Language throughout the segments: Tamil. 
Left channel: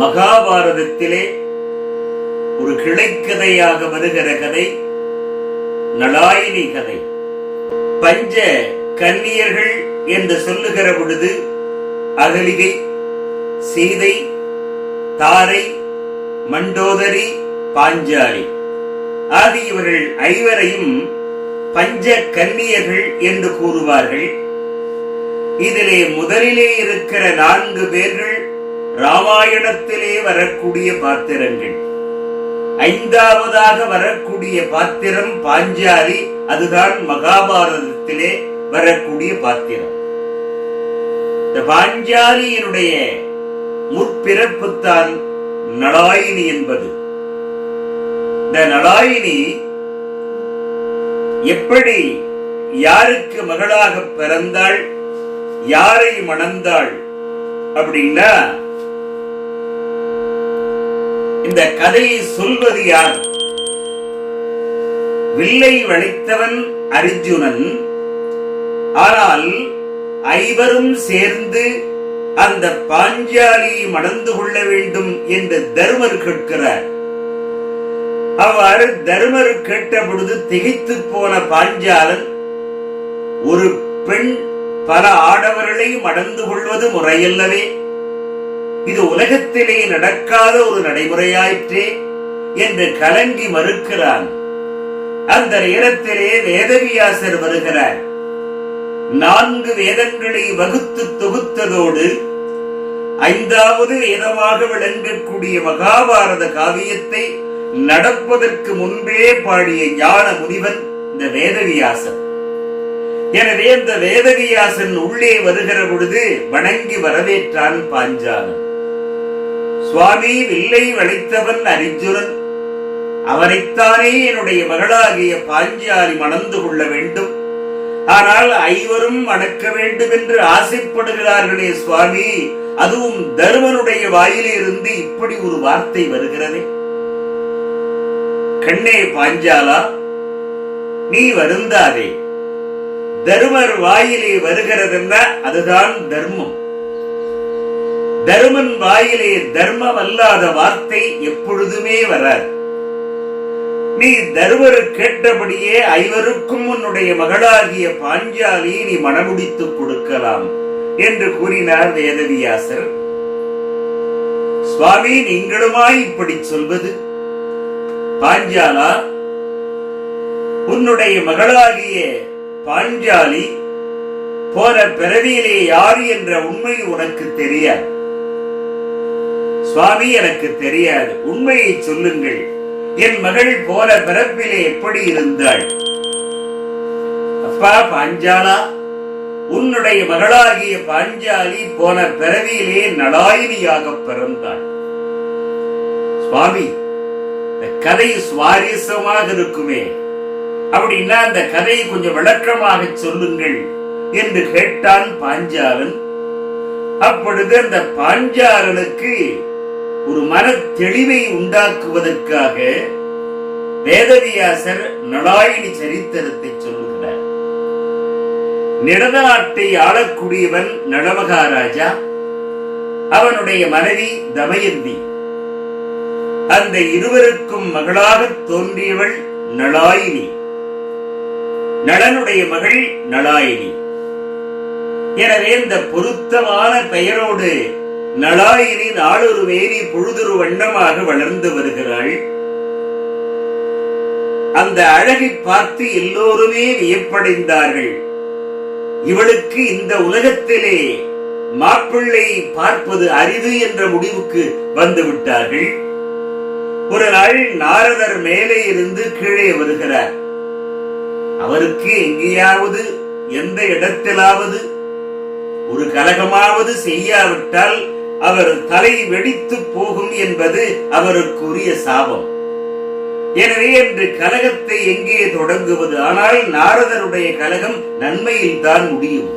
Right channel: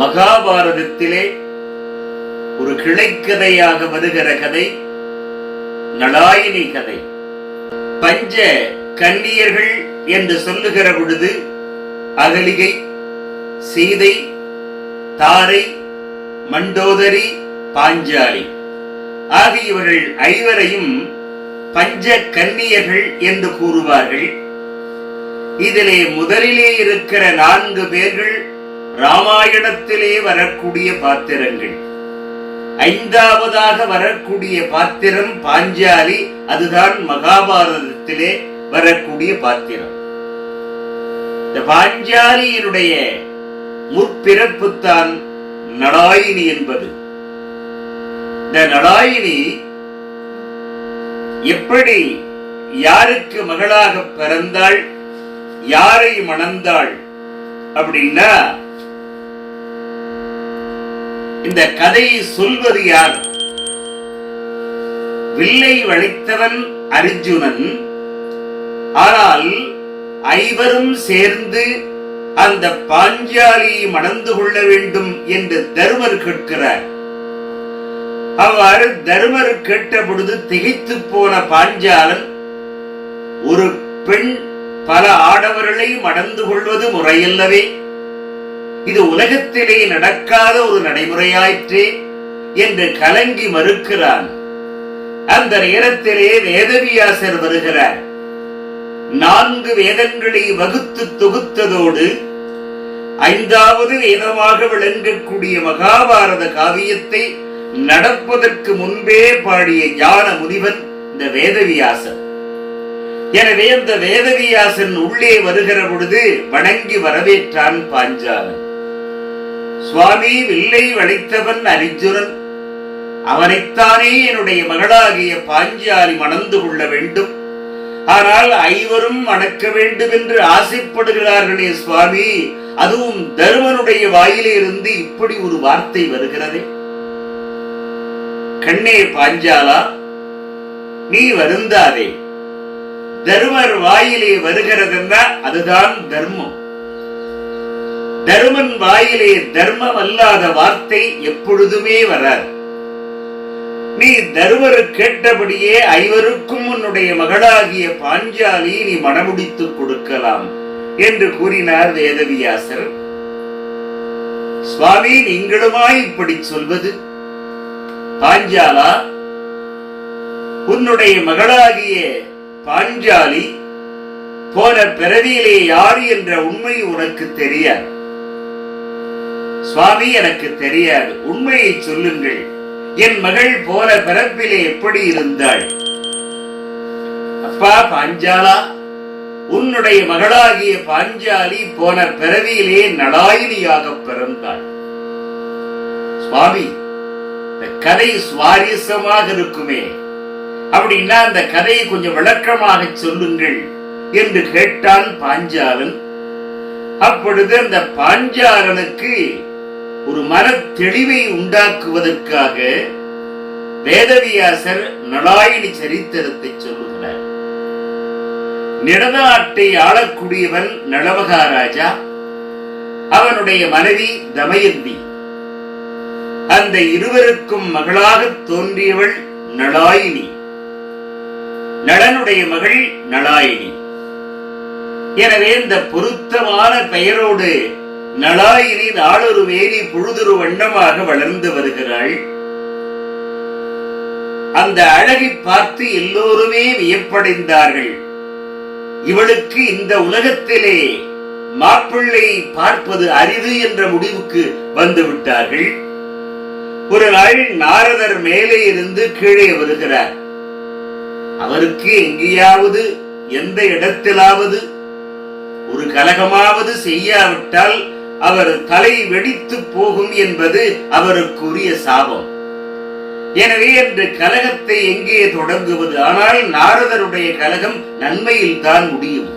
மகாபாரதத்திலே ஒரு கிளைக்கதையாக வருகிற கதை நளாயினி கதை. பஞ்ச கன்னியர்கள் என்று சொல்லுகிற பொழுது அகலிகை, சீதை, தாரை, மண்டோதரி, பாஞ்சாலி ஆகியவர்கள் ஐவரையும் பஞ்ச கன்னியர்கள் என்று கூறுவார்கள். இதிலே முதலிலே இருக்கிற 4 பேர்கள் ராமாயணத்திலே வரக்கூடிய பாத்திரங்கள். 5ஆவதாக வரக்கூடிய பாத்திரம் பாஞ்சாலி, அதுதான் மகாபாரதத்திலே வரக்கூடிய பாத்திரம். இந்த பாஞ்சாலியினுடைய முற்பிறப்புத்தான் நளாயினி என்பது. இந்த நளாயினி எப்படி யாருக்கு மகளாக பிறந்தாள், யாரை மணந்தாள் அப்படின்னா, இந்த கதையை சொல்வது யார்? வில்லை வளைத்தவன் அர்ஜுனன். ஆனால் ஐவரும் சேர்ந்து அந்த பாஞ்சாலியை மணந்து கொள்ள வேண்டும் என்று தருமர் கேட்கிறார். அவ்வாறு தருமர் கேட்ட பொழுது திகைத்து போன பாஞ்சாலன், ஒரு பெண் பல ஆடவர்களை மணந்து கொள்வது முறையல்லவே, இது உலகத்திலே நடக்காத ஒரு நடைமுறையாயிற்றே என்று கலங்கி மறுக்கிறான். அந்த நேரத்திலே வேதவியாசர் வருகிறார். 4 வேதங்களை வகுத்து தொகுத்ததோடு 5வது வேதமாக விளங்கக்கூடிய மகாபாரத காவியத்தை நடப்பதற்கு முன்பே பாடிய ஞான முனிவன் இந்த வேதவியாசன். எனவே அந்த வேதவியாசன் உள்ளே வருகிற பொழுது வணங்கி வரவேற்றான் பாஞ்சாலன். சுவாமி, வில்லை வளைத்தவன் அர்ஜுனன், அவனைத்தானே என்னுடைய மகளாகிய பாஞ்சாலி மணந்து கொள்ள வேண்டும். ஆனால் ஐவரும் மணக்க வேண்டும் என்று ஆசைப்படுகிறார்களே சுவாமி, அதுவும் தருமனுடைய வாயிலே இருந்து இப்படி ஒரு வார்த்தை வருகிறதே. கண்ணே பாஞ்சாலா, நீ வருந்தாதே. தருமர் வாயிலே வருகிறதுன்னா அதுதான் தர்மம். தருமன் வாயிலே தர்மம் அல்லாத வார்த்தை எப்பொழுதுமே வராது. நீ தருமரு கேட்டபடியே ஐவருக்கும் உன்னுடைய மகளாகிய பாஞ்சாலி நீ மணமுடித்துக் கொடுக்கலாம் என்று கூறினார் வேதவியாசர். சுவாமி, நீங்களுமாய் இப்படி சொல்வது? பாஞ்சாலா, உன்னுடைய மகளாகிய பாஞ்சாலி போன பிறவியிலே யார் என்ற உண்மை உனக்கு தெரியாது. சுவாமி, எனக்கு தெரியாது. உண்மையை சொல்லுங்கள். என் மகள் போன பிறப்பிலே எப்படி இருந்தாள்? அப்பா பாஞ்சாலா, உன்னுடைய மகளாகிய பாஞ்சாலி போன பிறவியிலே நளாயினியாக பிறந்தாள். சுவாமி, இந்த கதை சுவாரஸ்யமாக இருக்குமே, அப்படின்னா அந்த கதையை கொஞ்சம் விளக்கமாக சொல்லுங்கள் என்று கேட்டான் பாஞ்சாலன். அப்பொழுது அந்த பாஞ்சாலனுக்கு ஒரு மன தெளிவை உண்டாக்குவதற்காக வேதவியாசர் நளாயினி சரித்திரத்தை சொல்லுகிறார். நெடுநாட்டை ஆளக்கூடியவன் நளமகாராஜா, அவனுடைய மனைவி தமயந்தி. அந்த இருவருக்கும் மகளாக தோன்றியவள் நளாயினி. நளனுடைய மகள் நளாயினி. எனவே இந்த பொருத்தமான பெயரோடு நளாயினி நாளொரு வேலி பொழுதொரு வண்ணமாக வளர்ந்து வருகிறாள். அந்த அழகை பார்த்து எல்லோருமே வியப்படைந்தார்கள். இவளுக்கு இந்த உலகத்திலே மாப்பிள்ளை பார்ப்பது அரிது என்ற முடிவுக்கு வந்து விட்டார்கள். ஒரு நாள் நாரதர் மேலே இருந்து கீழே வருகிறார். அவருக்கு எங்கேயாவது எந்த இடத்திலாவது ஒரு கலகமாவது செய்யாவிட்டால் அவர் தலை வெடித்து போகும் என்பது அவருக்குரிய சாபம். எனவே என்று கலகத்தை எங்கே தொடங்குவது? ஆனால் நாரதருடைய கலகம் நன்மையில் தான் முடியும்.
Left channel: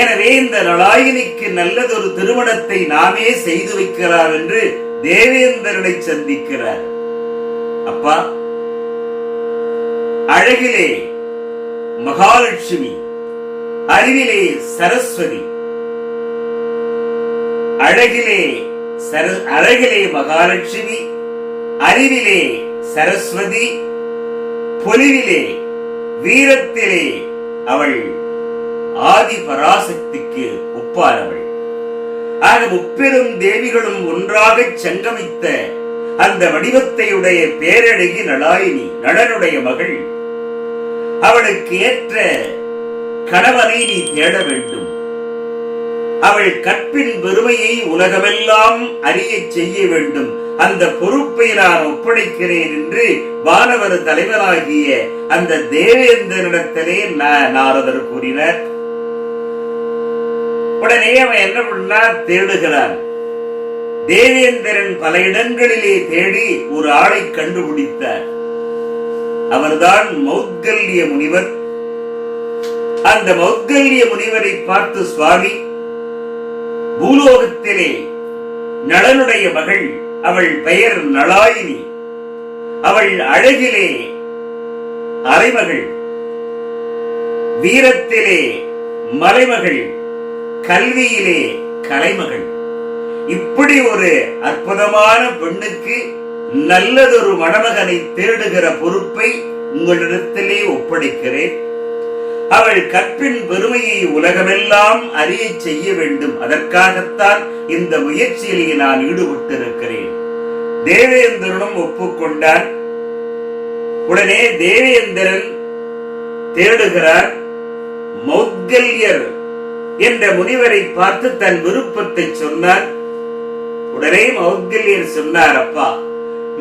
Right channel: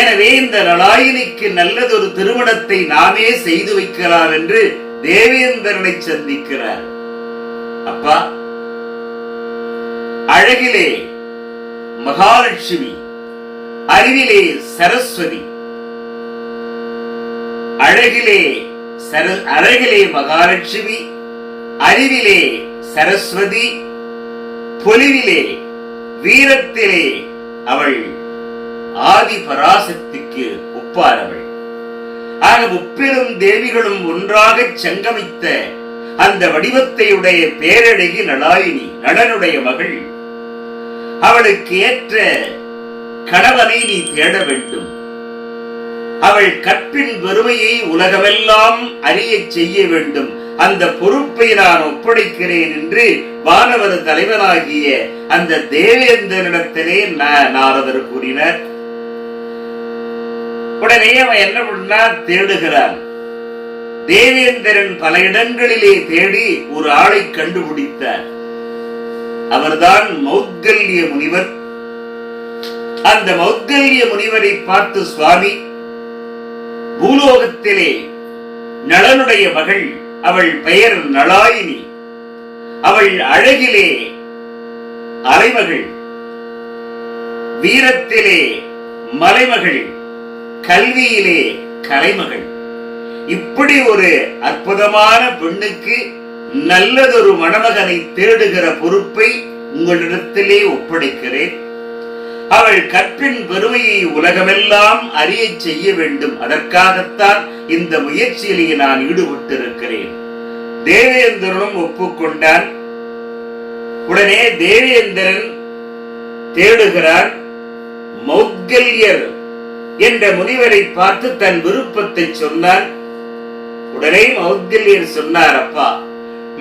எனவே இந்த நளாயினிக்கு நல்லதொரு திருமணத்தை நாமே செய்து வைக்கலாம் என்று தேவேந்திரனை சந்திக்கிறார். அப்பா, அழகிலே மகாலட்சுமி, அறிவிலே சரஸ்வதி, அழகிலே மகாலட்சுமி, அறிவிலே சரஸ்வதி, பொலிவிலே வீரத்திலே அவள் ஆதி பராசக்திக்கு ஒப்பானவள். ஆக முப்பெரும் தேவிகளும் ஒன்றாக சங்கமித்த அந்த வடிவத்தையுடைய பேரழகி நளாயினி, நளனுடைய மகள். அவளுக்கு ஏற்ற கணவனை நீ தேட வேண்டும். அவள் கற்பின் பெருமையை உலகமெல்லாம் அறிய செய்ய வேண்டும். அந்த பொறுப்பை நான் ஒப்படைக்கிறேன் என்று வானவர் தலைவராகிய அந்த தேவேந்திரனிடத்திலே நாரதர் கூறினார். உடனே அவன் என்ன பண்ணா தேடுகிறான். தேவேந்திரன் பல இடங்களிலே தேடி ஒரு ஆளை கண்டுபிடித்தார். அவர்தான் மௌத்கல்ய முனிவர். அந்த மௌத்கல்ய முனிவரை பார்த்து, சுவாமி, பூலோகத்திலே நளனுடைய மகள், அவள் பெயர் நளாயினி, அவள் அழகிலே அரைமகள், வீரத்திலே மலைமகள், கல்வியிலே கலைமகள். இப்படி ஒரு அற்புதமான பெண்ணுக்கு நல்லதொரு மணமகனை தேடுகிற பொறுப்பை உங்களிடத்திலே ஒப்படைக்கிறேன். அவள் கற்பின் பெருமையை உலகமெல்லாம் அறிய செய்ய வேண்டும். அதற்காகத்தான் இந்த முயற்சியிலே நான் ஈடுபட்டிருக்கிறேன். தேவேந்திரனும் ஒப்புக்கொண்டான். உடனே தேவேந்திரன் தேடுகிறார். மௌத்கல்யர் என்ற முனிவரை பார்த்து தன் விருப்பத்தை சொன்னார். உடனே மௌத்கல்யர் சொன்னார், அப்பா,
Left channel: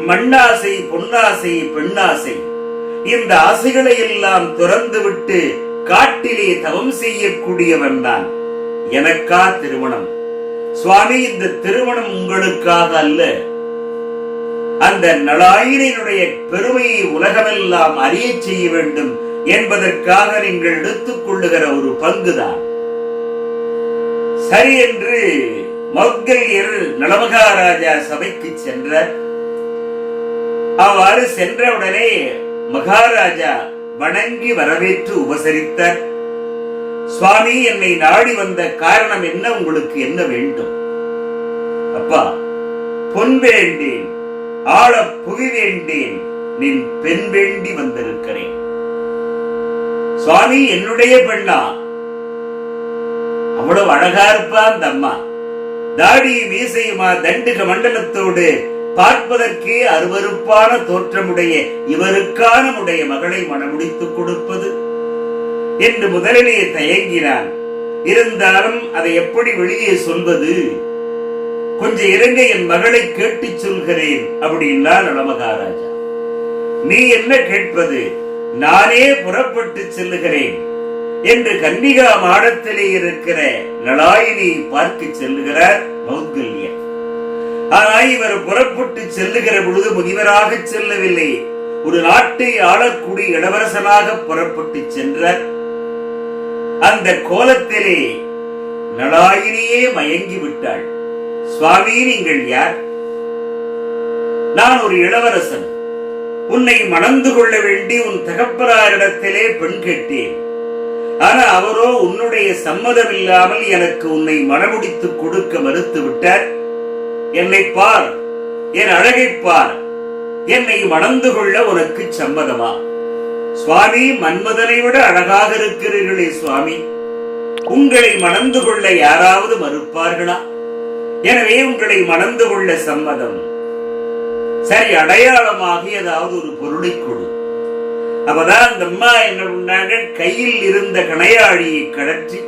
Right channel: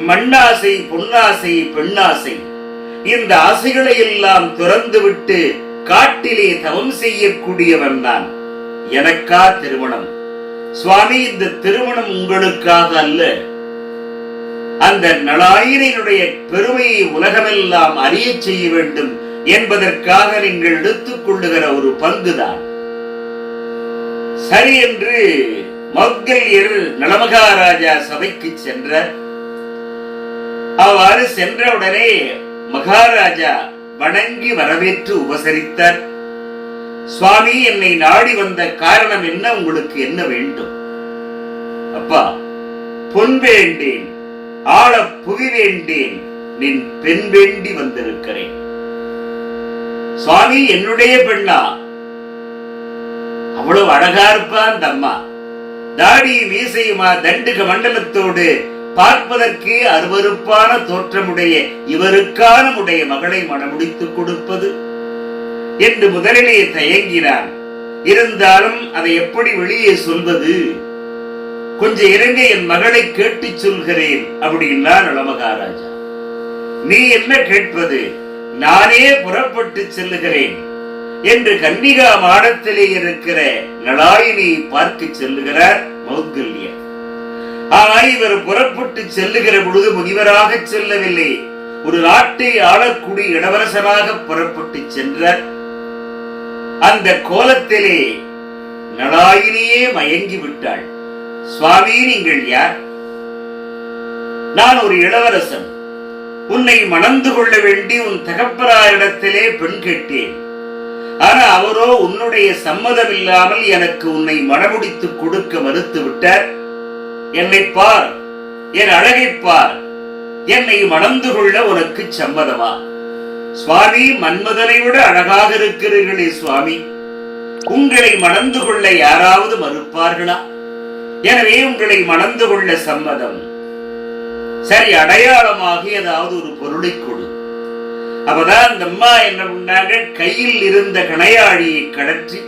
மண்ணாசை, பொன்னாசை, பெண்ணாசை, இந்த ஆசைகளை எல்லாம் துறந்து விட்டு காட்டிலே தவம் செய்யக்கூடியவன் நான். எனக்கா திருமணம்? சுவாமி, இந்த திருமணம் உங்களுக்காக அல்ல. அந்த நளாயினுடைய பெருமையை உலகமெல்லாம் அறிய செய்ய வேண்டும் என்பதற்காக நீங்கள் எடுத்துக் கொள்ளுகிற ஒரு பங்குதான். சரி என்று மௌத்கல்யர் நளமகாராஜா சபைக்கு சென்றார். அவ்வாறு சென்றவுடனே மகாராஜா வணங்கி வரவேற்று உபசரித்தார். சுவாமி, என்னை நாடி வந்த காரணம் என்ன? உங்களுக்கு என்ன வேண்டும்? அப்பா, பொன் வேண்டேன், ஆள புவி வேண்டேன், நின் பெண் வேண்டி வந்திருக்கிறேன். சுவாமி, என்னுடைய பெண்ணா? அவ்வளவு அழகா இருப்பா அந்த அம்மா. தாடி மீசையுமா, தண்டுக மண்டலத்தோடு, பார்ப்பதற்கு அருவருப்பான தோற்றமுடைய இவருக்கான உடைய மகளை மணமுடித்துக் கொடுப்பது என்று முதலிலே தயங்கினான். இருந்தாலும் அதை எப்படி வெளியே சொல்வது? கொஞ்சம் இருங்க, என் மகளை கேட்டு சொல்கிறேன் அப்படின்னா நளமகாராஜா. நீ என்ன கேட்பது? நானே புறப்பட்டு செல்லுகிறேன் என்று கன்னிகா மாடத்திலே இருக்கிற நளாயினியை பார்க்க செல்லுகிறார் மௌத்கல்யர். ஆனால் இவர் புறப்பட்டு செல்லுகிற பொழுது முனிவராக செல்லவில்லை, ஒரு நாட்டை ஆளக்கூடிய இளவரசனாக புறப்பட்டு சென்றார். அந்த கோலத்திலே நளாயினியே மயங்கி விட்டாள். சுவாமி, நீங்கள் யார்? நான் ஒரு இளவரசன். உன்னை மணந்து கொள்ள வேண்டி உன் தகப்பனாரிடத்திலே பெண் கேட்டேன். ஆனா அவரோ உன்னுடைய சம்மதம் இல்லாமல் எனக்கு உன்னை மணமுடித்துக் கொடுக்க மறுத்து விட்டார். என்னை பார், என் அழகை பார், என்னை மணந்து கொள்ள உனக்கு சம்மதமா? சுவாமி, மன்மதனை விட அழகாக இருக்கிறீர்களே சுவாமி, உங்களை மணந்து கொள்ள யாராவது மறுப்பார்களா? எனவே உங்களை மணந்து கொள்ள சம்மதம். சரி, அடையாளமாக ஏதாவது ஒரு பொருளை கொடு. அப்பதான் அந்த அம்மா என்ன பண்ணாங்க, கையில் இருந்த கணையாழியை கடற்றி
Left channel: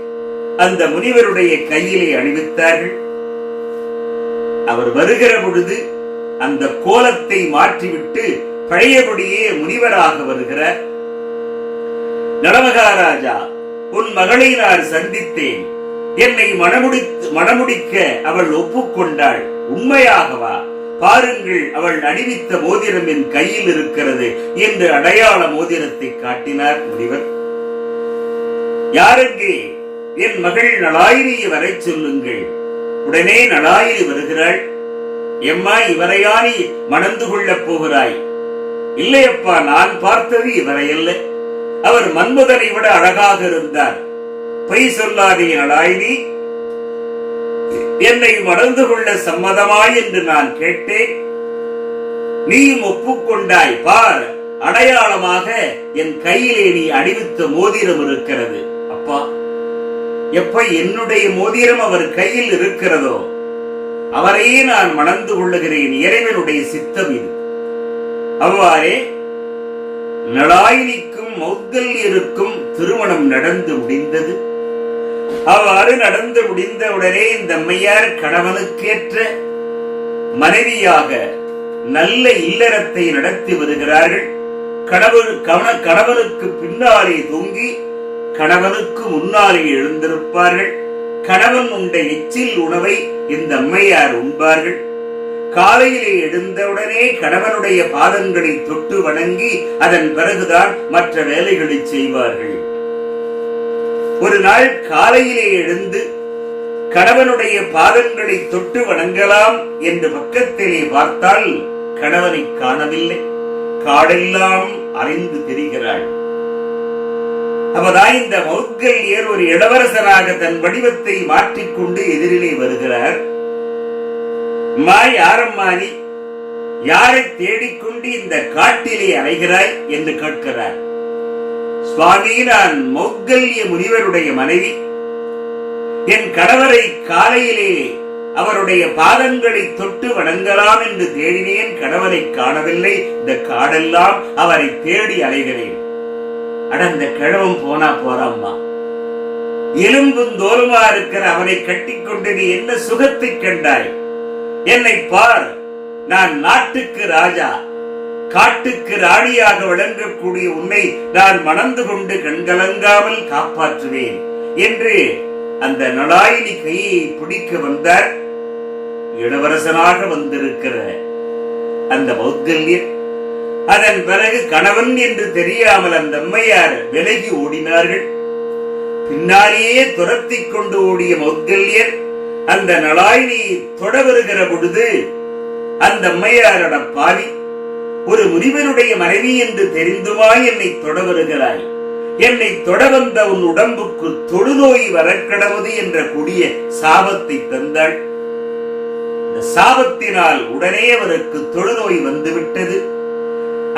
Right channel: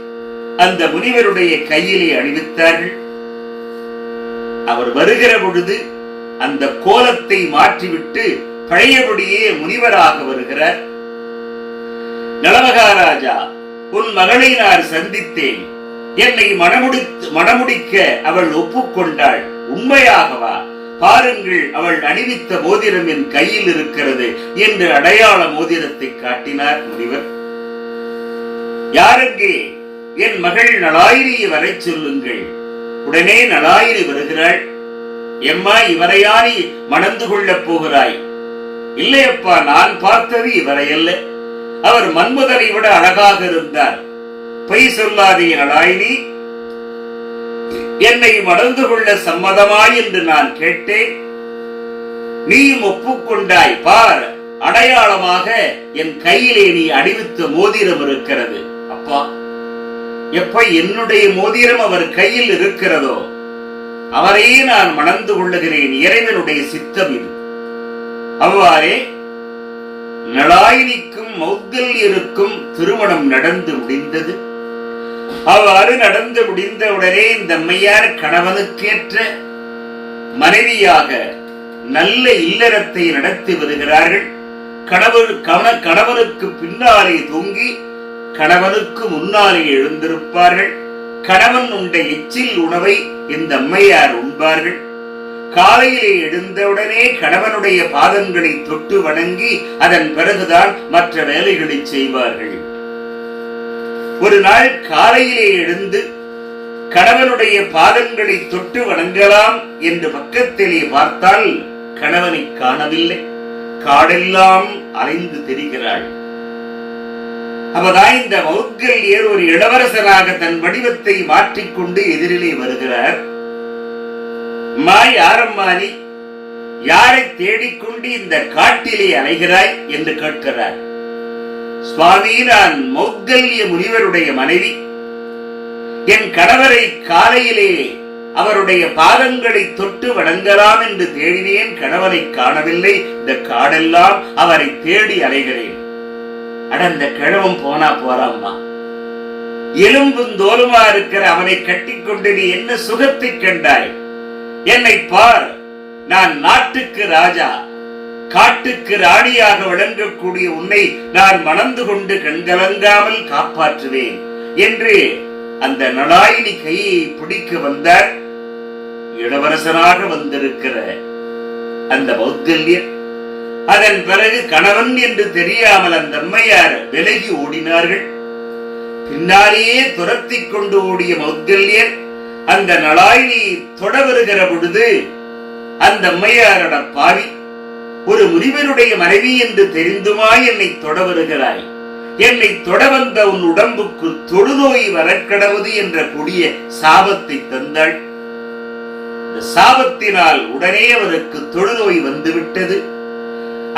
அந்த முனிவருடைய கையிலே அணிவித்தார்கள். அவர் வருகிற பொழுது அந்த கோலத்தை மாற்றிவிட்டு பழையபடியே முனிவராக வருகிறார். நளமகாராஜா, உன் மகளை நான் சந்தித்தேன். என்னை மணமுடிக்க அவள் ஒப்புக்கொண்டாள். உண்மையாகவா? பாருங்கள், அவள் அணிவித்த மோதிரம் என் கையில் இருக்கிறது என்று அடையாள மோதிரத்தை காட்டினார் முனிவர். யாருக்கு? என் மகள் நளாயினியை வரை சொல்லுங்கள். உடனே நளாயினி வருகிறாள். எம்மா, இவரையானி மணந்து கொள்ளப் போகிறாய்? இல்லையப்பா, நான் பார்த்தது இவரை அல்ல. அவர் மன்மதனை விட அழகாக இருந்தார். பொய் சொல்லாதே நளாயினி. என்னை மணந்து கொள்ள சம்மதமாய் என்று நான் கேட்டேன். நீயும் ஒப்புக்கொண்டாய். பார், அடையாளமாக என் கையிலே நீ அணிவித்த மோதிரம் இருக்கிறது. அப்பா, எப்ப என்னுடைய மோதிரம் அவர் கையில் இருக்கிறதோ அவரையே நான் மணந்து கொள்ளுகிறேன். இறைவனுடைய சித்தம் இது. அவ்வாறே நளாயினிக்கும் மௌத்கல்யருக்கும் திருமணம் நடந்து முடிந்தது. அவ்வாறு நடந்து முடிந்தவுடனே இந்த அம்மையார் கணவனுக்கேற்ற மனைவியாக நல்ல இல்லறத்தை நடத்தி வருகிறார்கள். கணவனுக்கு பின்னாலே தூங்கி கணவனுக்கு முன்னாலே எழுந்திருப்பார்கள். கணவன் உண்ட எச்சில் உணவை இந்த அம்மையார் உண்பார்கள். காலையிலே எழுந்தவுடனே கணவனுடைய பாதங்களை தொட்டு வணங்கி அதன் பிறகுதான் மற்ற வேலைகளை செய்வார்கள். ஒரு நாள் காலையிலே எழுந்து கணவனுடைய பாதங்களை தொட்டு வணங்கலாம் என்று பக்கத்திலே பார்த்தால் கணவனை காணவில்லை. காடெல்லாம் அலைந்து திரிகிறாள். அப்பதான் இந்த மௌத்கல்யர் ஒரு இளவரசனாக தன் வடிவத்தை மாற்றிக்கொண்டு எதிரிலே வருகிறார். யாரம்மா நீ? யாரை தேடிக்கொண்டு இந்த காட்டிலே அலைகிறாய் என்று கேட்கிறார். சுவாமி, நான் மௌத்கல்ய முனிவருடைய மனைவி. என் கணவரை காலையிலே அவருடைய பாதங்களை தொட்டு வணங்கலாம் என்று தேடினேன். கணவரை காணவில்லை. இந்த காடெல்லாம் அவரை தேடி அலைகிறேன். அட, இந்த கிழவன் போனா போறாம்மா. எலும்பும் தோலுமா இருக்கிற அவனை கட்டிக்கொண்டு நீ என்ன சுகத்தை கண்டாய்? என்னை பார், நான் நாட்டுக்கு ராஜா, காட்டுக்கு ராணியாக விளங்கக்கூடிய உன்னை நான் மணந்து கொண்டு கண்கலங்காமல் காப்பாற்றுவேன் என்று அந்த நளாயினி கையை பிடிக்க வந்தார். இளவரசனாக வந்திருக்கிற அந்த மௌத்கல்யர். அதன் பிறகு கணவன் என்று தெரியாமல் அந்த அம்மையார் விலகி ஓடினார்கள். பின்னாலேயே துரத்தி கொண்டு ஓடிய மௌத்கல்யர் அந்த நளாயினி தொட வருகிற பொழுது அந்த அம்மையாரோட பாவி, ஒரு முனிவருடைய மனைவி என்று தெரிந்துமா என்னை தொட வருகிறாய்? என்னை தொட வந்த உன் உடம்புக்கு தொழுநோய் வரக்கடவுது என்ற கொடிய சாபத்தை தந்தாள். இந்த சாபத்தினால் உடனே அவருக்கு தொழுநோய் வந்துவிட்டது.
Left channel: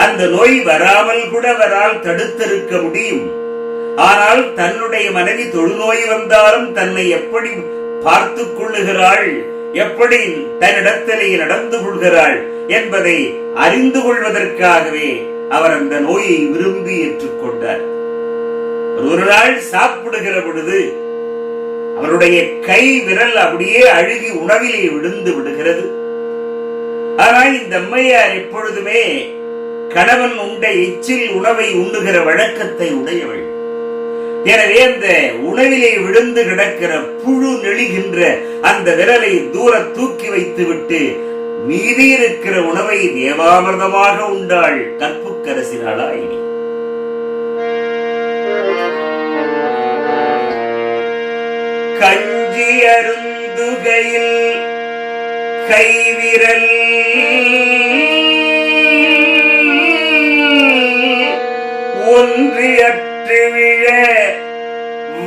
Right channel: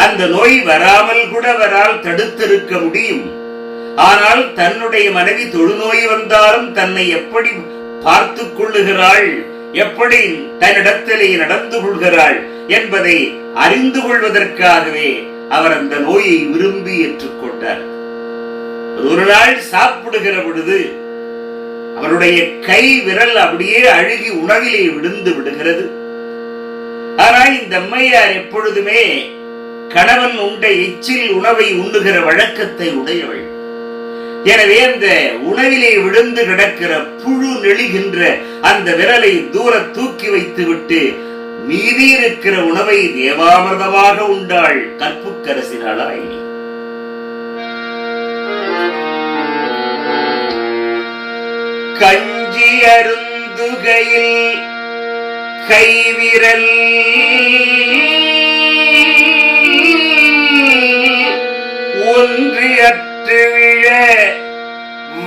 அந்த நோய் வராமல் கூட அவரால் தடுத்திருக்க முடியும். ஆனால் தன்னுடைய மனைவி தொழுநோய் வந்தாலும் தன்னை எப்படி பார்த்து கொள்ளுகிறாள், எப்படி தன்னிடத்திலே நடந்து கொள்கிறாள் என்பதை அறிந்து கொள்வதற்காகவே அவர் அந்த நோயை விரும்பி ஏற்றுக்கொண்டார். ஒரு நாள் சாப்பிடுகிற பொழுது அவருடைய கை விரல் அப்படியே அழுகி உணவிலே விழுந்து விடுகிறது. ஆனால் இந்த அம்மையார் எப்பொழுதுமே கணவன் உண்ட எச்சில் உணவை உண்ணுகிற வழக்கத்தை உடையவள். எனவே அந்த உணவிலே விழுந்து கிடக்கிற புழு நெளிகின்ற அந்த விரலை தூர தூக்கி வைத்து விட்டு மீதி இருக்கிற உணவை தேவாமிர்தமாக உண்டாள் கற்புக்கரசி நளாயினி. கஞ்சி அருந்துகையில் கைவிரல் ஒன்று அற்று விழ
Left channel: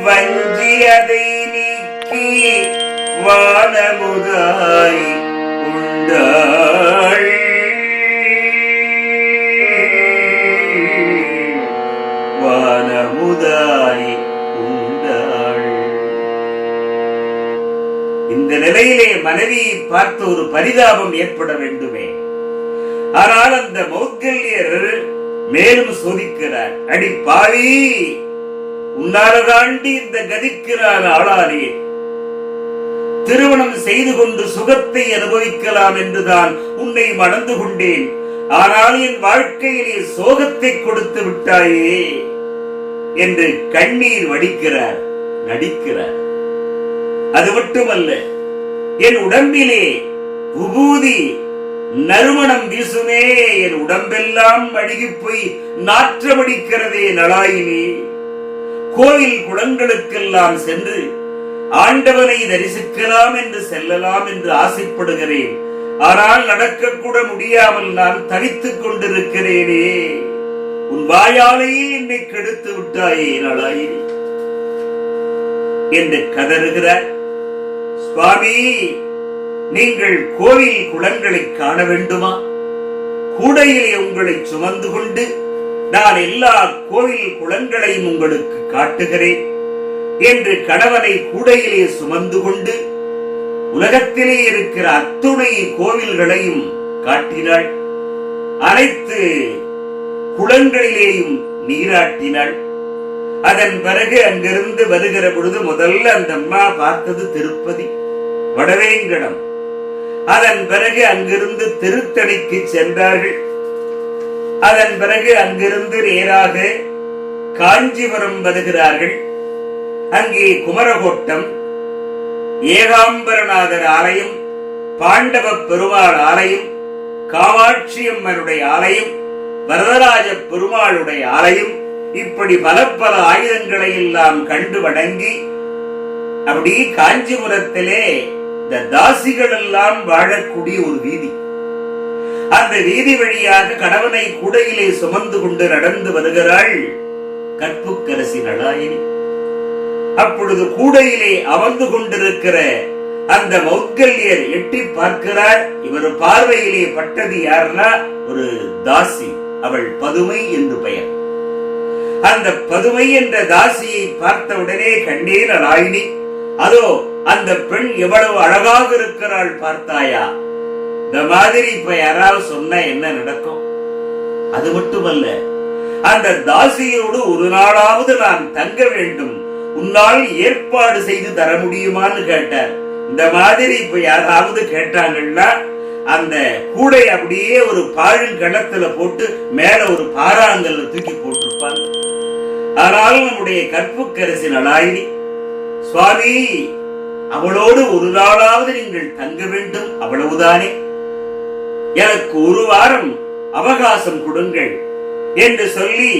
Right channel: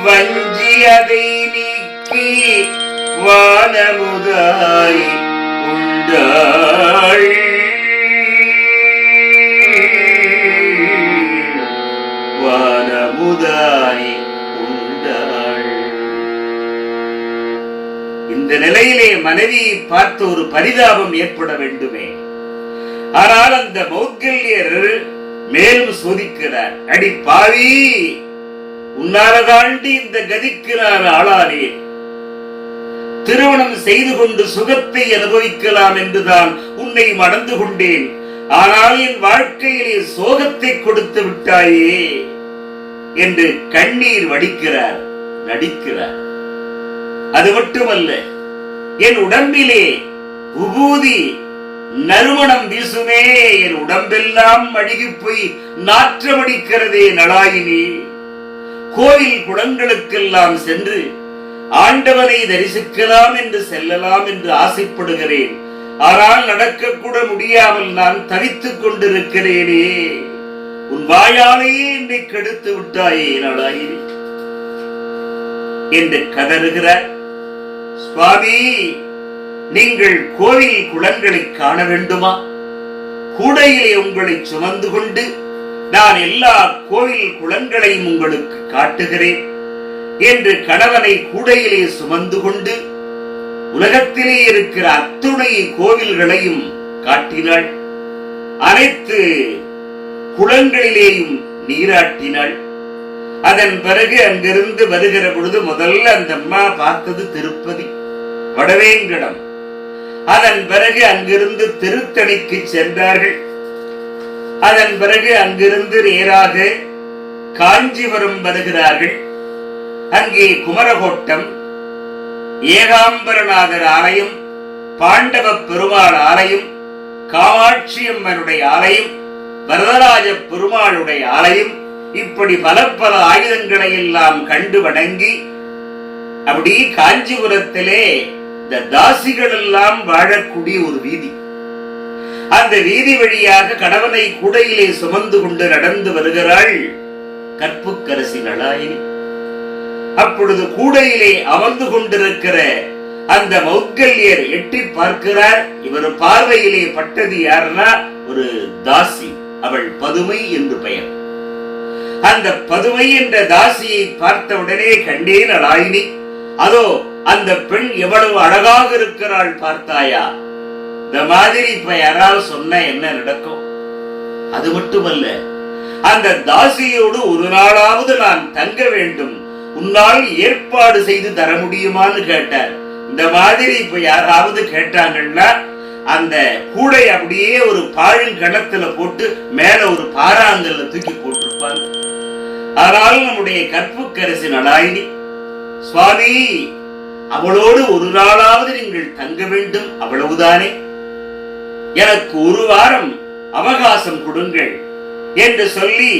வஞ்சி அதை நீக்கி வானமுதாய் உண்டாள். வானமுதாய் உண்டாள். இந்த நிலையிலே மனைவியை பார்த்து ஒரு பரிதாபம் ஏற்பட வேண்டுமே. ஆனால் அந்த மௌத்கல்யர் மேலும் சோதிக்கிறார். அடி பாவி, உன்னால தாண்டி இந்த கதிக்கு நான் ஆளானேன். திருமணம் செய்து கொண்டு சுகத்தை அனுபவிக்கலாம் என்றுதான் உன்னை மணந்து கொண்டேன். ஆனால் என் வாழ்க்கையிலே சோகத்தை கொடுத்து விட்டாயே என்று கண்ணீர் வடிக்கிறார், நடிக்கிறார். அது மட்டுமல்ல, என் உடம்பிலே உபூதி நறுமணம் வீசுமே, என் உடம்பெல்லாம் அழுகி போய் நாற்றமடிக்கிறதே நளாயினி. கோவில் குளங்களுக்கெல்லாம் சென்று ஆண்டவனை தரிசிக்கலாம் என்று செல்லலாம் என்று ஆசைப்படுகிறேன். ஆனால் நடக்கக்கூட முடியாமல் நான் தவித்துக் கொண்டிருக்கிறேனே. உன் வாயாலேயே என்னை கெடுத்து விட்டாயே நளாயினி என்று கதறுகிறார். சுவாமி, நீங்கள் கோவில் குளங்களை காண வேண்டுமா? கூடையிலே உங்களை சுமந்து கொண்டு நான் எல்லா கோவில் குளங்களையும் உங்களுக்கு காட்டுகிறேன் என்று கணவனை கூடையிலே சுமந்து கொண்டு உலகத்திலே இருக்கிற அத்துணை கோவில்களையும் காட்டினாள். அனைத்து குளங்களிலேயும் நீராட்டினாள். அதன் பிறகு அங்கிருந்து வருகிற பொழுது முதல்ல அந்த அம்மா பார்த்தது திருப்பதி, வடவேங்கடம். அதன் பிறகு அங்கிருந்து திருத்தணிக்கு சென்றார்கள். அதன் பிறகு அங்கிருந்து நேராக காஞ்சிபுரம் வருகிறார்கள். அங்கே குமரகோட்டம், ஏகாம்பரநாதர் ஆலயம், பாண்டவ பெருமாள் ஆலயம், காமாட்சி அம்மனுடைய ஆலயம், வரதராஜ பெருமாளுடைய ஆலயம், இப்படி பல பல ஆயுதங்களை எல்லாம் கண்டு வணங்கி அப்படி காஞ்சிபுரத்திலே இந்த தாசிகள் எல்லாம் வாழக்கூடிய ஒரு வீதி. அந்த வீதி வழியாக கணவனை கூடையிலே சுமந்து கொண்டு நடந்து வருகிறாள் கற்புக்கரசி நளாயினி. அப்பொழுது கூடையிலே அமர்ந்து கொண்டிருக்கிற அந்த மௌத்கல்யர் எட்டி பார்க்கிறார். இவர் பார்வையிலே பட்டது யாருன்னா ஒரு தாசி, அவள் பதுமை என்று பெயர். அந்த பதுமை என்ற தாசியை பார்த்த உடனே கண்டேன் நளாயினி, அதோ அந்த பெண் எவ்வளவு அழகாக இருக்கிறாள் பார்த்தாயா? இந்த மாதிரி இப்ப யாராவது சொன்ன என்ன நடக்கும்? அது மட்டுமல்ல, அந்த தாசியோடு ஒரு நாளாவது நான் தங்க வேண்டும், உன்னால் ஏற்பாடு செய்து தர முடியுமான்னு கேட்டார். இந்த மாதிரி இப்ப யாராவது கேட்டாங்கன்னா அந்த கூடை அப்படியே ஒரு பாழுங்கணத்துல போட்டு மேல ஒரு பாறாங்கல்ல தூக்கி போட்டிருப்பாங்க. ஆனாலும் நம்முடைய கற்புக்கரசி நளாயினி, சுவாமி, அவளோடு ஒரு நாளாவது நீங்கள் தங்க வேண்டும், அவ்வளவுதானே, எனக்கு ஒரு வாரம் அவகாசம் கொடுங்கள் என்று சொல்லி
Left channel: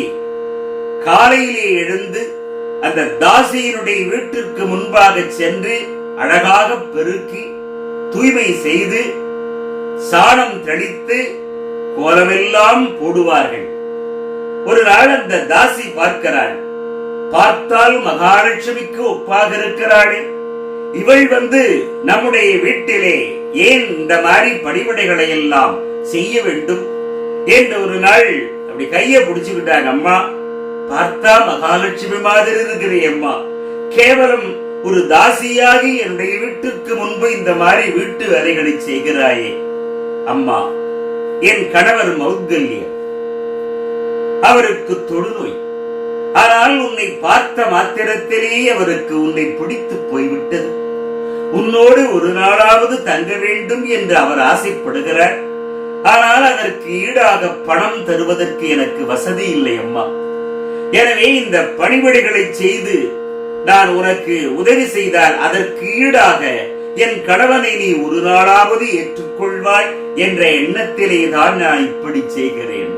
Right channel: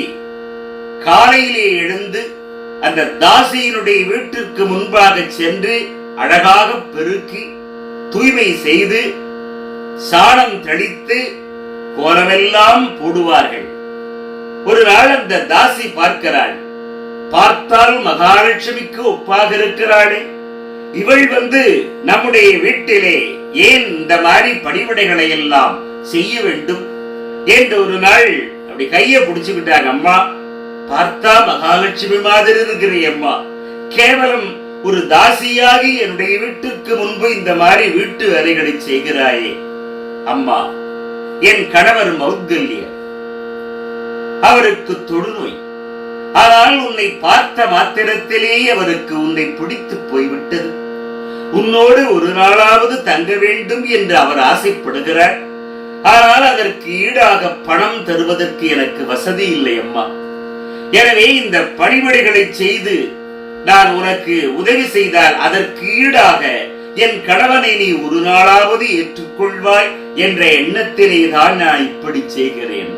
காலையிலே எழுந்து அந்த தாசியினுடைய வீட்டிற்கு முன்பாக சென்று அழகாக பெருக்கி தூய்மை செய்து சாணம் தெளித்து கோலமெல்லாம் போடுவார்கள். ஒரு நாள் அந்த தாசி பார்க்கிறாள். பார்த்தால் மகாலட்சுமிக்கு ஒப்பாக இருக்கிறாளே, இவள் வந்து நம்முடைய வீட்டிலே ஏன் இந்த மாதிரி பணிவிடைகளை எல்லாம் செய்ய வேண்டும் என்று ஒரு நாள் அப்படி கைய பிடிச்சுக்கிட்டாங்க. அம்மா, பார்த்தா மகாலட்சுமி மாதிரி இருக்கிற அம்மா, கேவலம் ஒரு தாசியாகி என்னுடைய வீட்டிற்கு முன்பு இந்த மாதிரி வீட்டு வேலைகளை செய்கிறாயே அம்மா. என் கணவர் மௌத்கல்யர், அவருக்கு தொழுநோய். ஆனால் உன்னை பார்த்த மாத்திரத்திலேயே அவருக்கு உன்னை பிடித்து போய்விட்டது. உன்னோடு ஒரு நாளாவது தங்க வேண்டும் என்று அவர் ஆசைப்படுகிறார். ஆனால் அதற்கு ஈடாக பணம் தருவதற்கு எனக்கு வசதி இல்லை அம்மா. எனவே இந்த பணிவிடைகளை செய்து நான் உனக்கு உதவி செய்தால் அதற்கு ஈடாக என் கணவனை நீ ஒரு நாளாவது ஏற்றுக்கொள்வாய் என்ற எண்ணத்திலே தான் நான் இப்படி செய்கிறேன்.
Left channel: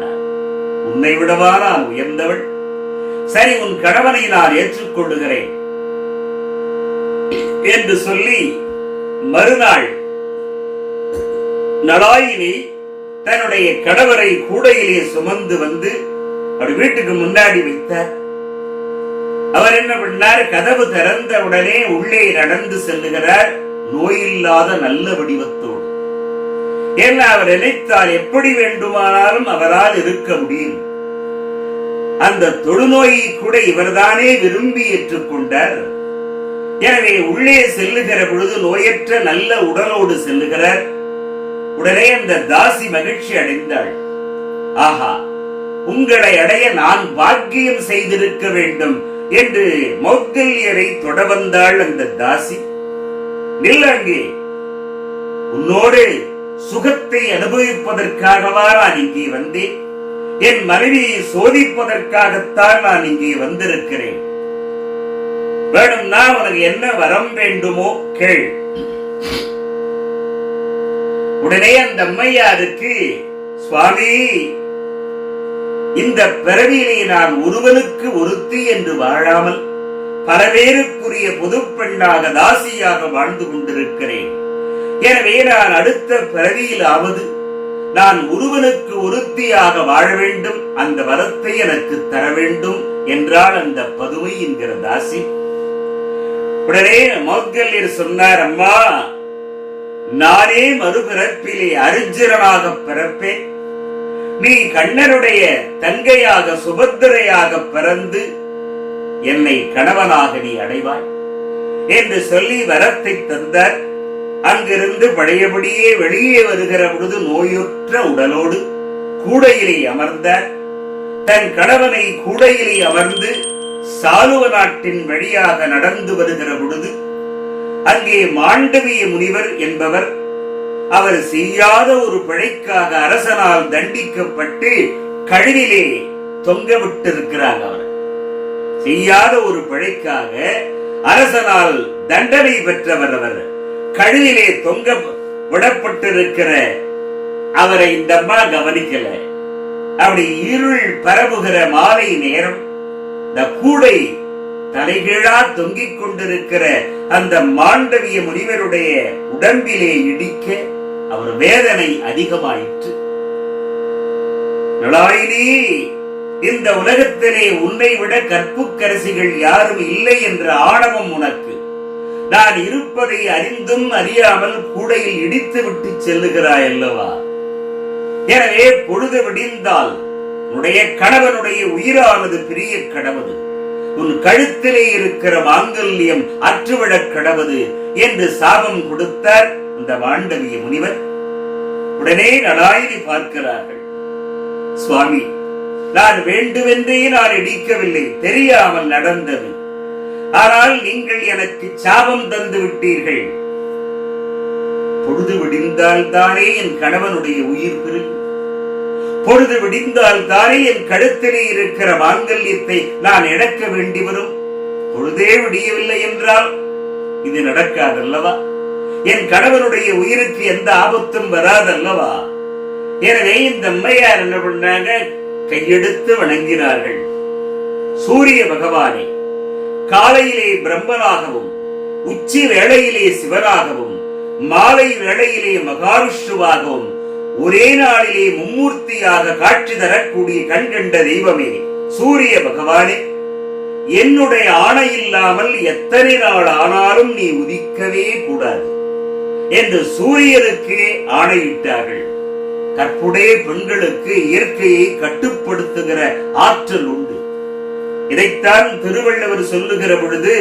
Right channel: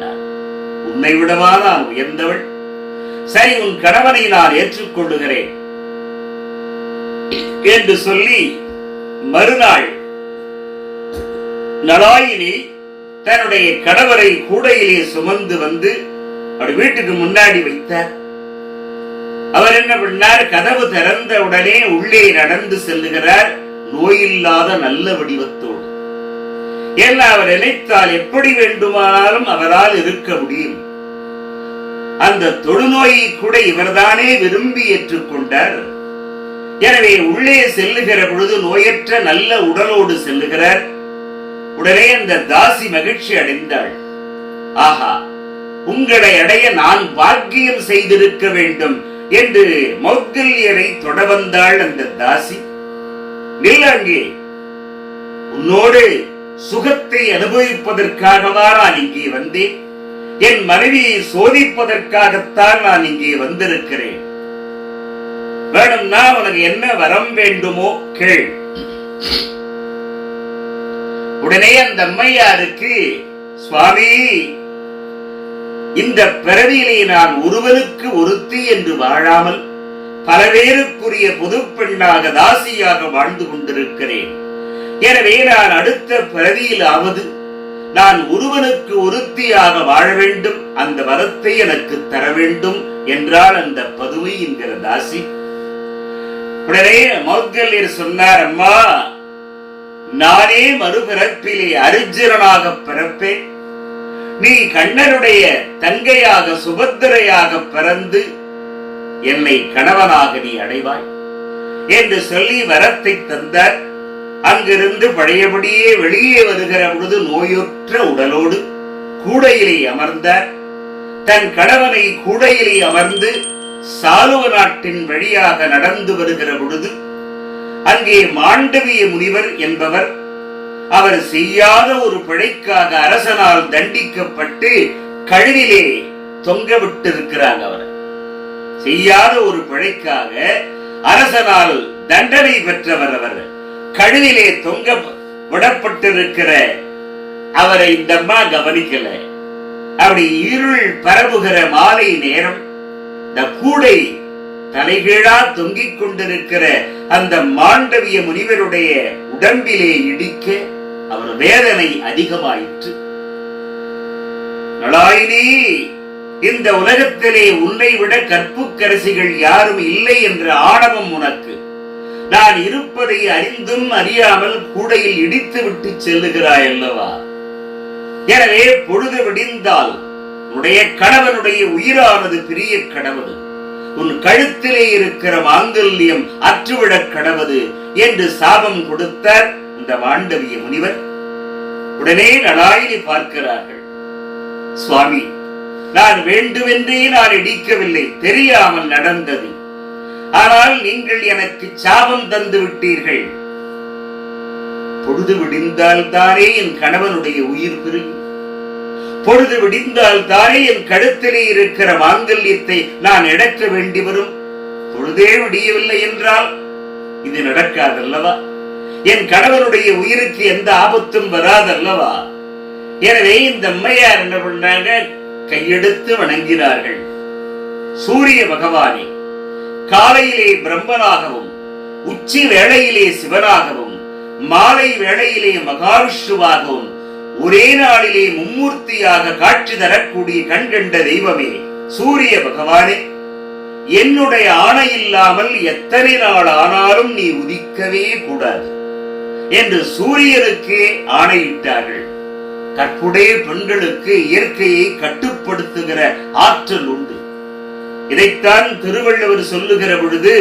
உன்னை விடவா நான் உயர்ந்தவள்? சரி, உன் கணவனை நான் ஏற்றுக்கொள்ளுகிறேன் என்று சொல்லி மறுநாள் நளாயினி தன்னுடைய கணவரை கூடையிலே சுமந்து வந்து அப்படி வீட்டுக்கு முன்னாடி வைத்தார். அவர் என்ன பண்ணார்? கதவு திறந்த உடனே உள்ளே நடந்து செல்லுகிறார், நோயில்லாத நல்ல வடிவத்தோடு. ஏன்னா அவர் நினைத்தால் எப்படி வேண்டுமானாலும் அவரால் இருக்க முடியும். அந்த தொழுநோயை கூட இவர்தானே விரும்பி ஏற்றுக்கொண்டார். எனவே உள்ளே செல்லுகிற பொழுது நோயற்ற நல்ல உடலோடு செல்லுகிறார். உடனே அந்த தாசி மகிழ்ச்சி அடைந்தாள். ஆஹா, உங்களை அடைய நான் பாக்கியம் செய்திருக்க வேண்டும் என்று மௌத்கல்யரை தொட வந்தாள் அந்த தாசி. நில்லங்கே, உன்னோடு சுகத்தை அனுபவிப்பதற்காகவா நான் இங்கே வந்தேன்? என் மனைவியை சோதிப்பதற்காகத்தான் நான் இங்கே வந்திருக்கிறேன். வேணும்னா உனக்கு என்ன வரம் வேண்டுமோ கேள். உடனே அந்த அம்மையாருக்கு, சுவாமி, இந்த பிறவியிலே நான் ஒருவனுக்கு ஒருத்தி என்று வாழாமல் பல பேருக்குரிய பொது பெண்ணாக தாசியாக வாழ்ந்து கொண்டிருக்கிறேன். எனவே நான் அடுத்த பிறவியிலாவது நான் ஒருவனுக்கு ஒருத்தியாக வாழ வேண்டும், அந்த வரத்தை எனக்கு தர வேண்டும் என்றால் அந்த பதுமை என்கிற தாசி. உடனே மௌத்கல்யர் சொன்னார், அம்மா, நானே மறுபிறப்பிலே அர்ஜுனனாக பிறப்பேன். நீ கண்ணனுடைய தங்கையாக சுபத்திரையாக பிறந்து என்னை கணவனாக நீ அடைவாய் என்று சொல்லி வரத்தை தந்தார். அங்கிருந்து பழையபடியே வெளியே வருகிற பொழுது நோயுற்ற உடலோடு கூடையிலே அமர்ந்தார். தன் கணவனை கூடையிலே அமர்ந்து சாலுவ நாட்டின் வழியாக நடந்து வருகிற பொழுது அங்கே மாண்டவிய முனிவர் என்பவர், அவர் செய்யாத ஒரு பிழைக்காக அரசனால் தண்டிக்கப்பட்டு கழுவிலே தொங்க விட்டிருக்கிறாங்க. அவர் செய்யாத ஒரு பிழைக்காக அரசனால் தண்டனை பெற்றவர். அவர் கழுவிலே தொங்க விடப்பட்டிருக்கிற அவரை இந்த அம்மா கவனிக்கல. அப்படி இருள் பரவுகிற மாலை நேரம் இந்த கூடை தலைகீழா தொங்கிக் கொண்டிருக்கிற அந்த மாண்டவிய முனிவருடைய உடம்பிலே இடிக்க அவர் வேதனை அதிகமாயிற்று. நளாயினி, இந்த உலகத்திலே உன்னை விட கற்புக்கரசிகள் யாரும் இல்லை என்ற ஆணவம் உனக்கு. நான் இருப்பதை அறிந்தும் அறியாமல் கூடையில் இடித்து விட்டு செல்லுகிறாய் அல்லவா? எனவே பொழுது விடிந்தால் உன்னுடைய கணவனுடைய உயிரானது பிரிய கடவுது, உன் கழுத்திலே இருக்கிற மாங்கல்யம் அற்றுவிடக் கடவுது என்று சாபம் கொடுத்தார் இந்த மாண்டவிய முனிவர். உடனே நளாயினி பார்க்கிறார்கள், சுவாமி, நான் வேண்டுமென்றே நான் இடிக்கவில்லை, தெரியாமல் நடந்தது. ஆனால் நீங்கள் எனக்கு சாபம் தந்து விட்டீர்கள். பொழுது விடிந்தால் தானே என் கணவனுடைய உயிர் பிரியும். பொழுது விடிந்தால் தானே என் கழுத்திலே இருக்கிற மாங்கல்யத்தை நான் இழக்க வேண்டி வரும். பொழுதே விடியவில்லை என்றால் இது நடக்காதல்லவா? என் கணவனுடைய உயிருக்கு எந்த ஆபத்தும் வராதல்லவா? எனவே இந்த அம்மையார் என்ன பண்ணாங்க? கையெடுத்து வணங்கினார்கள். சூரிய பகவானே, காலையிலே பிரம்மனாகவும் உச்சி வேளையிலே சிவனாகவும் மாலை வேளையிலே மகாவிஷ்ணுவாகவும் ஒரே நாளிலே மும்மூர்த்தியாக காட்சி தரக்கூடிய கண்கண்ட தெய்வமே, சூரிய பகவானே, என்னுடைய ஆணை இல்லாமல் எத்தனை நாள் ஆனாலும் நீ உதிக்கவே கூடாது என்று சூரியனுக்கே ஆணையிட்டார்கள். கற்புடைய பெண்களுக்கு இயற்கையை கட்டுப்படுத்துகிற ஆற்றல் உண்டு. இதைத்தான் திருவள்ளுவர் சொல்லுகிற பொழுது,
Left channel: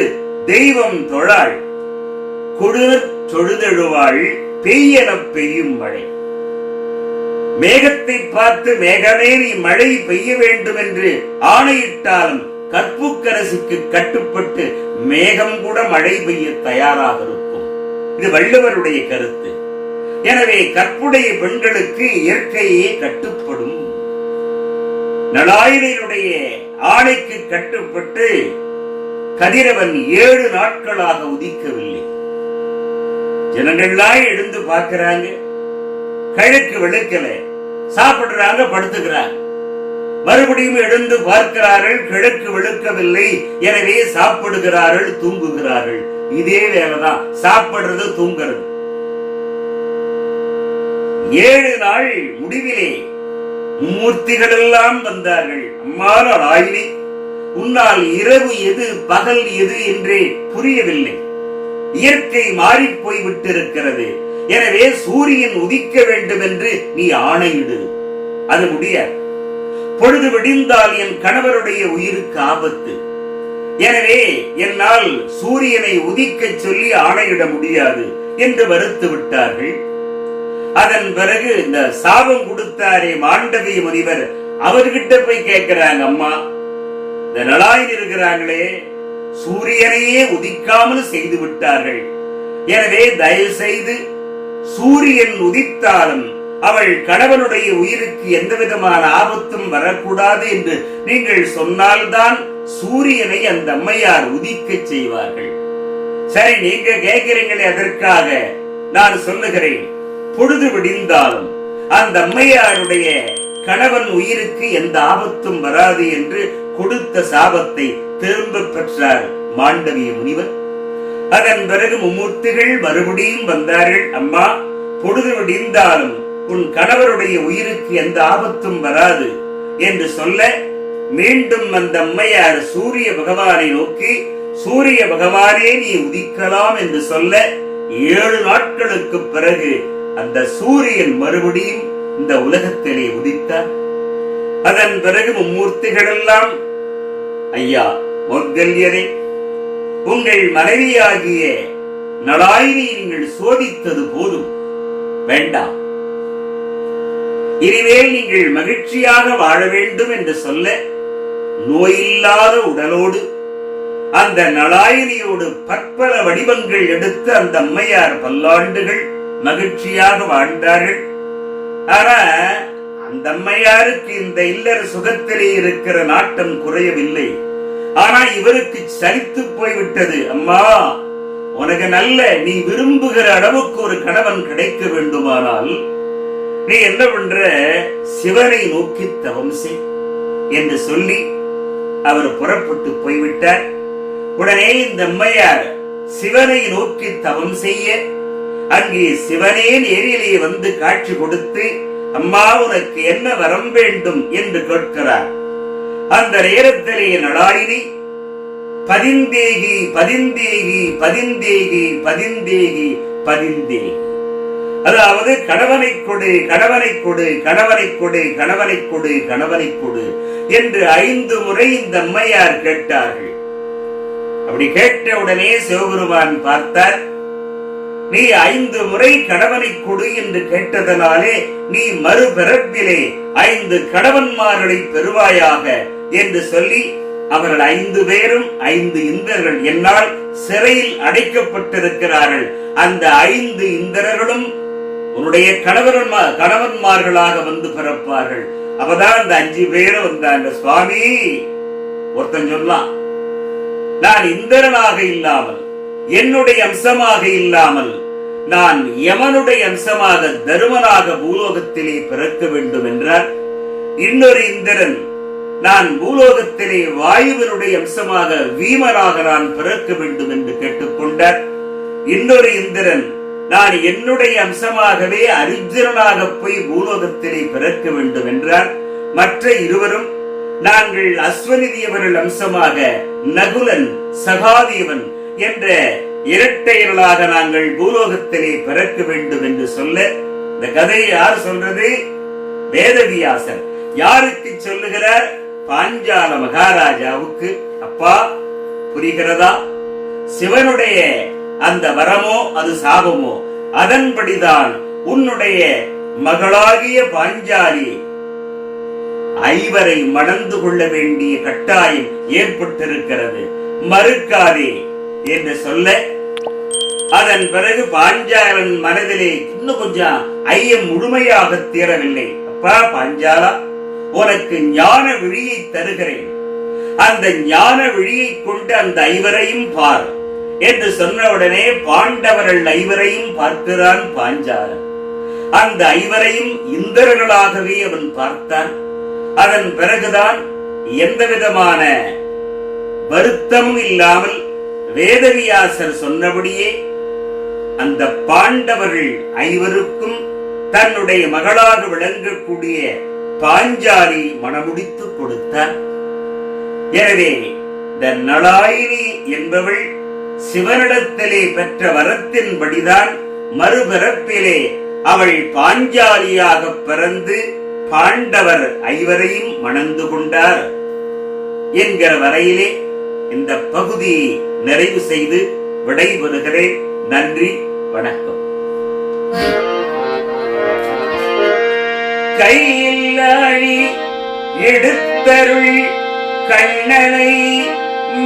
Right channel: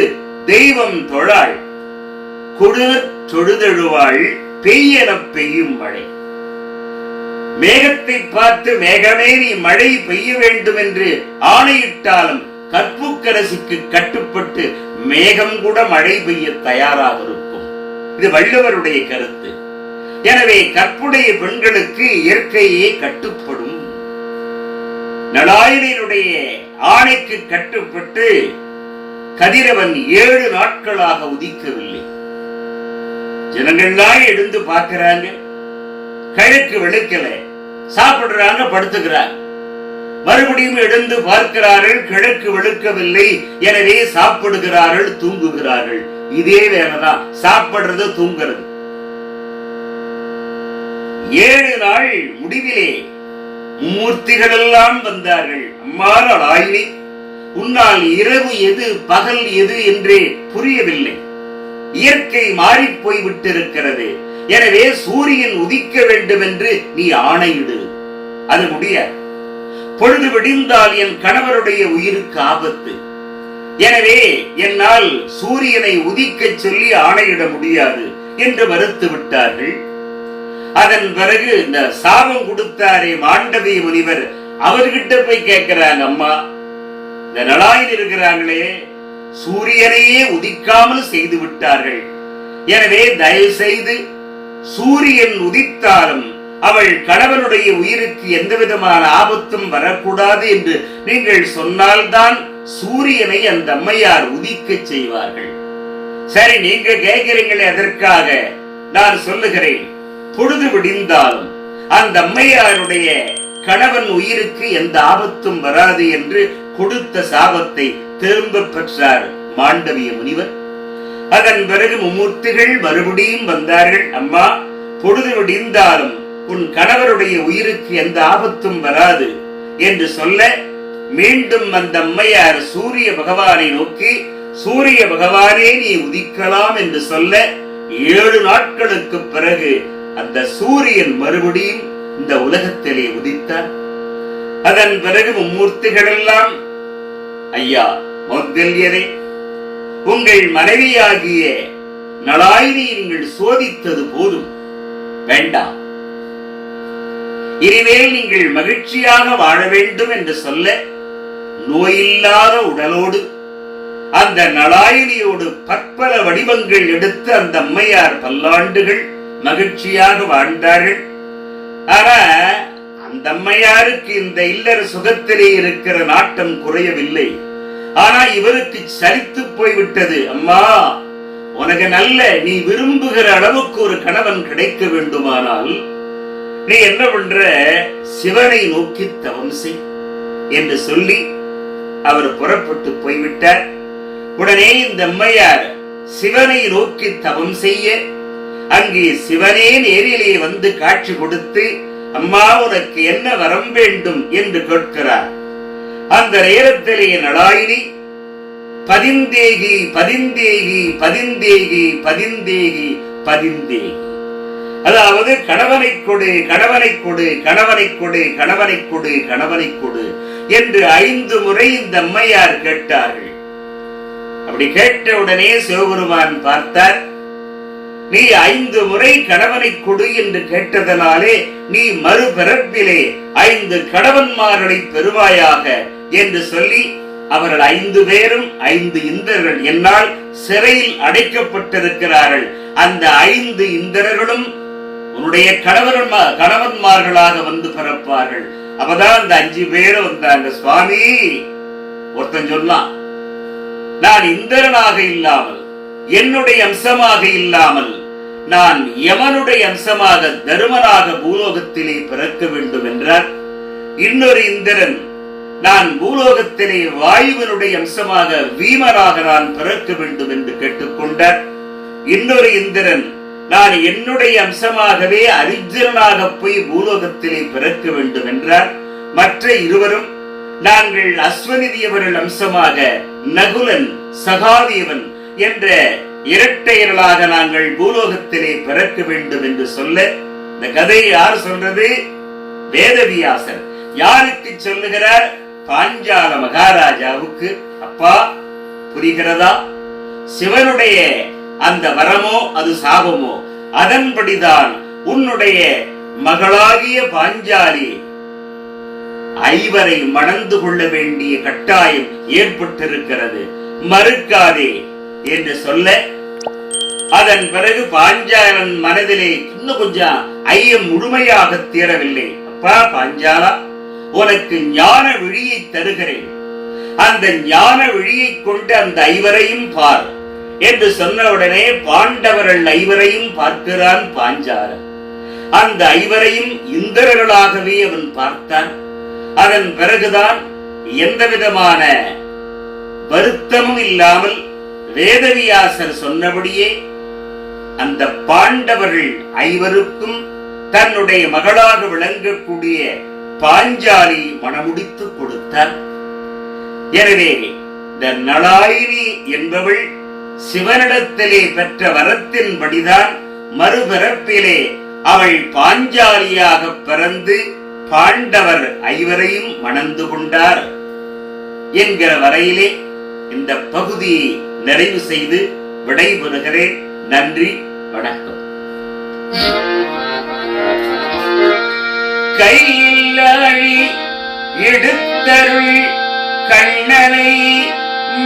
தெய்வம் தொழாள் கொடுர் தொழுதெழுவாள் பெய்யென பெய்யும் மழை. மேகத்தை பார்த்து மேகமே நீ மழை பெய்ய வேண்டும் என்று ஆணையிட்டாலும் கற்புக்கரசிக்கு கட்டுப்பட்டு மேகம் கூட மழை பெய்ய தயாராக இருக்கும். இது வள்ளுவருடைய கருத்து. எனவே கற்புடைய பெண்களுக்கு இயற்கையே கட்டுப்படும். நளாயினுடைய ஆணைக்கு கட்டுப்பட்டு கதிரவன் 7 நாட்களாக உதிக்கவில்லை. ஜனங்கள்லாம் எழுந்து பார்க்கிறாங்க, கிழக்கு வெளுக்கல, சாப்பிடுறாங்க, படுத்துக்கிறாங்க. மறுபடியும் எழுந்து பார்க்கிறார்கள், கிழக்கு வெளுக்கவில்லை. எனவே சாப்பிடுகிறார்கள், தூங்குகிறார்கள். இதே வேலைதான், சாப்பிடுறது தூங்குறது. 7 நாள் முடிவிலே மூர்த்திகள் எல்லாம் வந்தார்கள். அம்மா நளாயினி, உன்னால் இரவு எது பகல் எது என்றே புரியவில்லை. இயற்கை மாறி போய் விட்டிருக்கிறது. எனவே சூரியன் உதிக்க வேண்டும் என்று நீ ஆணையிடு. அது முடியாது. பொழுது விடிந்தால் என் கணவருடைய உயிருக்கு ஆபத்து. எனவே என்னால் சூரியனை உதிக்க சொல்லி ஆணையிட முடியாது என்று மறுத்து விட்டார்கள். அதன் பிறகு இந்த சாபம் கொடுத்தாரே மாண்டவிய முனிவர், அவர்கிட்ட போய் கேட்கிறாங்க, அம்மா, இந்த நளாயினி இருக்கிறாங்களே, சூரியனையே உதிக்காமல் செய்து விட்டார்கள். எனவே தயவு செய்து சூரியன் உதித்தாலும் அவள் கணவனுடைய உயிருக்கு எந்த விதமான ஆபத்தும் வரக்கூடாது என்று நீங்கள் சொன்னால்தான் சூரியனை அந்த அம்மையார் உதிக்க செய்வார்கள். சரி, நீங்க கேட்கிறீங்களே, அதற்காக நான் சொல்லுகிறேன். பொழுது விடிந்தாலும் அந்த அம்மையாருடைய கணவன் உயிருக்கு எந்த ஆபத்தும் வராது என்று கொடுத்த சாபத்தை திரும்ப பெற்றார் மாண்டவிய முனிவர். அதன் பிறகு மும்மூர்த்திகள் மறுபடியும் வந்தார்கள். அம்மா, பொழுது விடிந்தாலும் உன் கணவருடைய உயிருக்கு எந்த ஆபத்தும் வராது என்று சொல்ல, மீண்டும் அந்த அம்மையார் சூரிய பகவானை நோக்கி, சூரிய பகவானே நீ உதிக்கலாம் என்று சொல்ல 7 நாட்களுக்கு பிறகு அந்த சூரியன் மறுபடியும் இந்த உலகத்திலே உதித்தார். அதன் பிறகு மும்மூர்த்திகள் எல்லாம், ஐயா மௌத்கல்யரே, உங்கள் மனைவியாகிய நளாயினியை நீங்கள் சோதித்தது போதும், வேண்டாம். இனிமேல் நீங்கள் மகிழ்ச்சியாக வாழ வேண்டும் என்று சொல்ல நோயில்லாத உடலோடு அந்த நளாயினியோடு பற்பல வடிவங்கள் எடுத்து அந்த அம்மையார் பல்லாண்டுகள் மகிழ்ச்சியாக வாழ்ந்தார்கள். ஆனா அந்த அம்மையாருக்கு இந்த இல்லற சுகத்திலே இருக்கிற நாட்டம் குறையவில்லை. ஆனா இவருக்கு சலித்து போய்விட்டது. அம்மா, உனக்கு நல்ல நீ விரும்புகிற அளவுக்கு ஒரு கணவன் கிடைக்க வேண்டுமானால் நீ என்ன பண்ற, சிவனை நோக்கி தவம் செய் என்று சொல்லி அவர் புறப்பட்டு போய்விட்டார். உடனே இந்த அம்மையார் சிவனை நோக்கி தவம் செய்ய அங்கே சிவனே நேரிலே வந்து காட்சி கொடுத்து, அம்மா உனக்கு என்ன வரம் வேண்டும் என்று கேட்கிறார். அந்த நேரத்திலே நளாயினி பதிந்தேகி பதிந்தேகி பதிந்தேகி பதிந்தேகி பதிந்தேகி, அதாவது கணவனை கொடு கணவனை கொடு கணவனை கொடு கணவனை கொடு கணவனை கொடு என்று 5 முறை இந்த அம்மையார் கேட்டார்கள். அப்படி கேட்டவுடனே சிவபெருமான் பார்த்தார், நீ 5 முறை கணவனை கொடு என்று கேட்டதனாலே நீ மறுபிறப்பிலே 5 கணவன்மார்களை பெறுவாயாக என்று சொல்லி அவர்கள் 5 பேரும் 5 இந்திரர்கள் என்னால் சிறையில் அடைக்கப்பட்டிருக்கிறார்கள். அந்த 5 இந்திரர்களும் உன்னுடைய கணவன்மார்களாக வந்து பிறப்பார்கள். அப்பதான் அந்த 5 பேரும் வந்தாங்க. சுவாமி, ஒருத்தன் சொன்னான், நான் இந்திரனாக இல்லாமல் என்னுடைய அம்சமாக இல்லாமல் நான் யமனுடைய அம்சமாக தருமனாக பூலோகத்திலே பிறக்க வேண்டும் என்றார். இன்னொரு இந்திரன், நான் பூலோகத்திலே வாயுவனுடைய அம்சமாக வீமனாக நான் பிறக்க வேண்டும் என்று கேட்டுக்கொண்டார். இன்னொரு இந்திரன், நான் என்னுடைய அம்சமாகவே அரிஜனாக போய் பூலோகத்திலே பிறக்க வேண்டும் என்றார். மற்ற இருவரும், நாங்கள் அஸ்வநிதியவர்கள் அம்சமாக நகுலன் சகாதேவன் என்ற இரட்டையர்களாக நாங்கள் பூலோகத்திலே பிறக்க வேண்டும் என்று சொல்ல, இந்த கதையை யார் சொல்றது? வேதவியாசர். யாருக்கு சொல்லுகிறார்? பாஞ்சால மகாராஜாவுக்கு. அப்பா, புரிகிறதா? சிவனுடைய அந்த வரமோ அது சாபமோ, அதன்படிதான் உன்னுடைய மகளாகிய பாஞ்சாலி 5 மணந்து கொள்ள வேண்டிய கட்டாயம் ஏற்பட்டிருக்கிறது, மறுக்காதே என்று சொல்ல, அதன் பிறகு பாஞ்சாலன் மனதிலே இன்னும் கொஞ்சம் ஐயம் முழுமையாக தீரவில்லை. அப்பா பாஞ்சாலா, உனக்கு ஞான விழியை தருகிறேன், அந்த ஞான விழியை கொண்டு அந்த 5 பார் என்று சொன்னவுடனே பாண்டவர்கள் 5 பார்க்கிறான் பாஞ்சாலன். அந்த 5 இந்திரர்களாகவே அவன் பார்த்தான். அதன் பிறகுதான் எந்த விதமான வருத்தமும் இல்லாமல் வேதவியாசர் சொன்னபடியே அந்த பாண்டவர்கள் 5 தன்னுடைய மகளாக விளங்கக்கூடிய பாஞ்சாலி மணமுடித்து கொடுத்தார். எனவே இந்த நளாயினி என்பவள் சிவனிடத்திலே பெற்ற வரத்தின்படிதான் மறுபிறப்பிலே அவள் பாஞ்சாலியாக பிறந்து பாண்டவர் 5 மணந்து கொண்டார் என்கிற வரையிலே இந்த பகுதியை நிறைவு செய்து விடைபெறுகிறேன். நன்றி, வணக்கம். கையில் அழி எடுத்தருள் கண்ணனை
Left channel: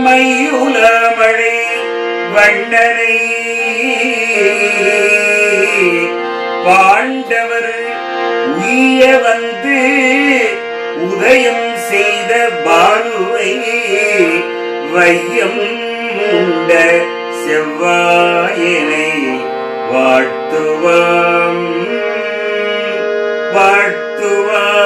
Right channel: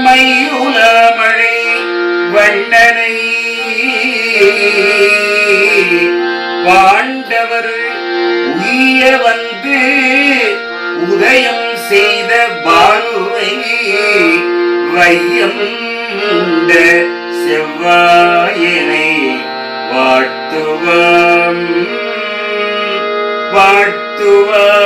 மையுலமழை வண்ணனை பாண்டவர் உய்ய வந்து உதயம் செய்த பாலுவை வையம் உண்ட செவ்வாயனை வாழ்த்துவாம் வாழ்த்துவாம்.